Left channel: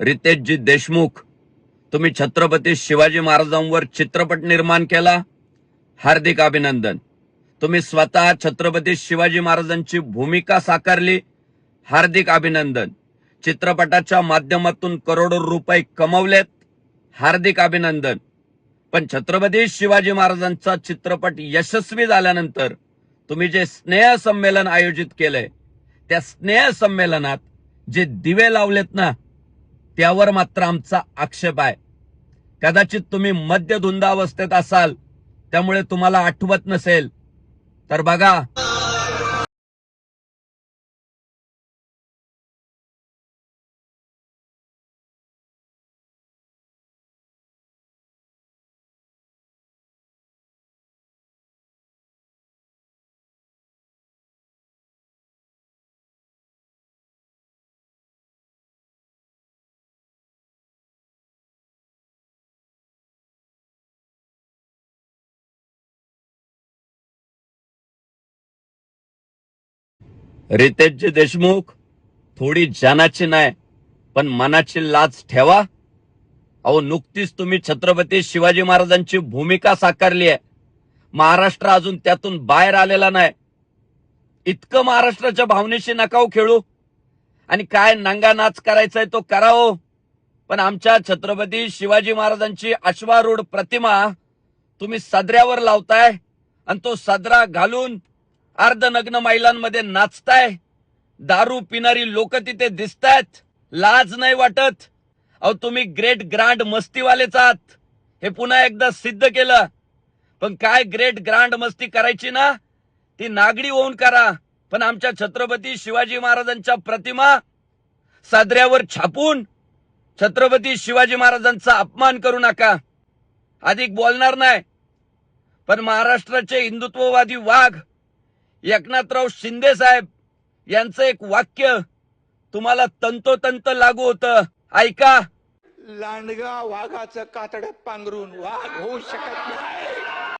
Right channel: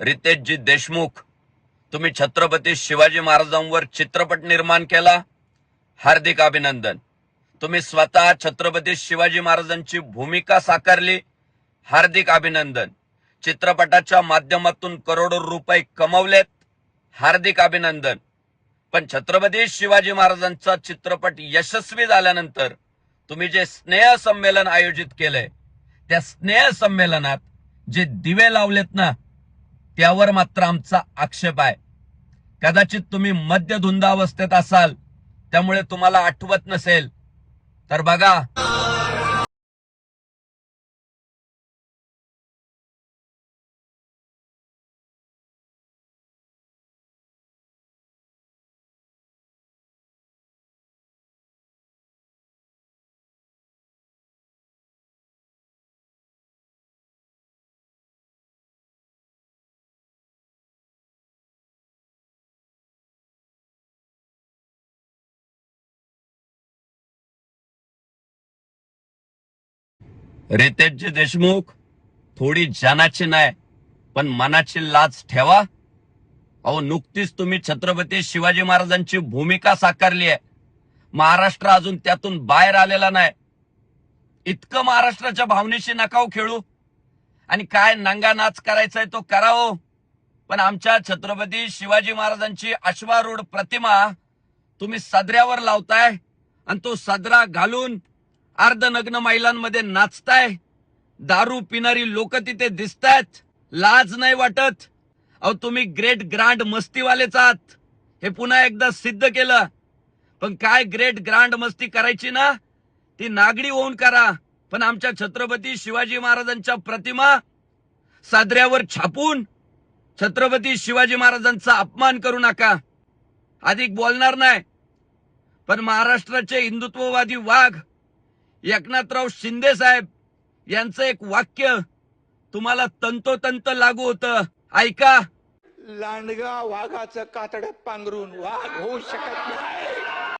रितेशजी देशमुख, तुम्ही छत्रपती शिवाजी महाराजांवर चित्रपट निर्माण केला, हार्दिक अभिनंदन. तुम्ही स्वतः छत्रपती शिवाजी महाराजांची भूमिका साकारली, हार्दिक अभिनंदन. चित्रपटाच्या माध्यमातून करोडो रुपये कमवलेत, हार्दिक अभिनंदन. पण छत्रपती शिवाजी महाराजांचा चित्रपट यशस्वी झाल्यानंतर तुम्ही जे स्नेह संमेलन आयोजित केलंय, त्या स्नेह संमेलनात जे दिवे लावलेत ना, त्यावर मात्र आमचा आक्षेप आहे. कदाचित तुम्ही मद्यधुंदावस्थेत असाल, त्यामुळे तुम्हाला आठवत नसेल. तर बघा, रितेशजी देशमुख, थोडी जानाची नाही पण मनाची लाज ठेवा. अहो, नुकतीच तुम्ही छत्रपती शिवाजी महाराजांची भूमिका साकारली आहे. महाराष्ट्र अजून त्यातून बाहेर आलेला नाही. इतकं महाराष्ट्राच्या भावनेशी नका खेळू. आणि काय नंगा नाच करायचाय तो करावं, पण आमच्या छत्रपती शिवाजी महाराजांची अश्वारूढ प्रतिमा तुम्ही सदऱ्यावर लावताय आणि तो सदरा घालून अर्धनग्न महिलांमध्ये नाचताय. दारू पिणारी लोक तिथे दिसतात. लाज नाही वाटत? अहो, तुम्ही ग्रेट ग्रँड मस्तीवालेच आहात, हे पुन्हा एकदा सिद्ध केलं. पण काय ग्रेट ग्रँड मस्ती करायची ना, ती नागडी होऊन करा. पण आमच्या छत्रपती शिवाजी महाराजांच्या प्रतिमा सदऱ्यावर छापून छत्रपती शिवाजी महाराजांचा अपमान करू नका. अधिक बोलणार नाही, पण महाराष्ट्राचे हिंदुत्ववादी वाघ एकनाथराव शिंदे साहेब यांचं एक वाक्य तुम्हाला तंतोतंत लागू होतं. ऐका. लांडगा वाघाचं कातड्यात पांघरून वाघ होऊ शकत नाही.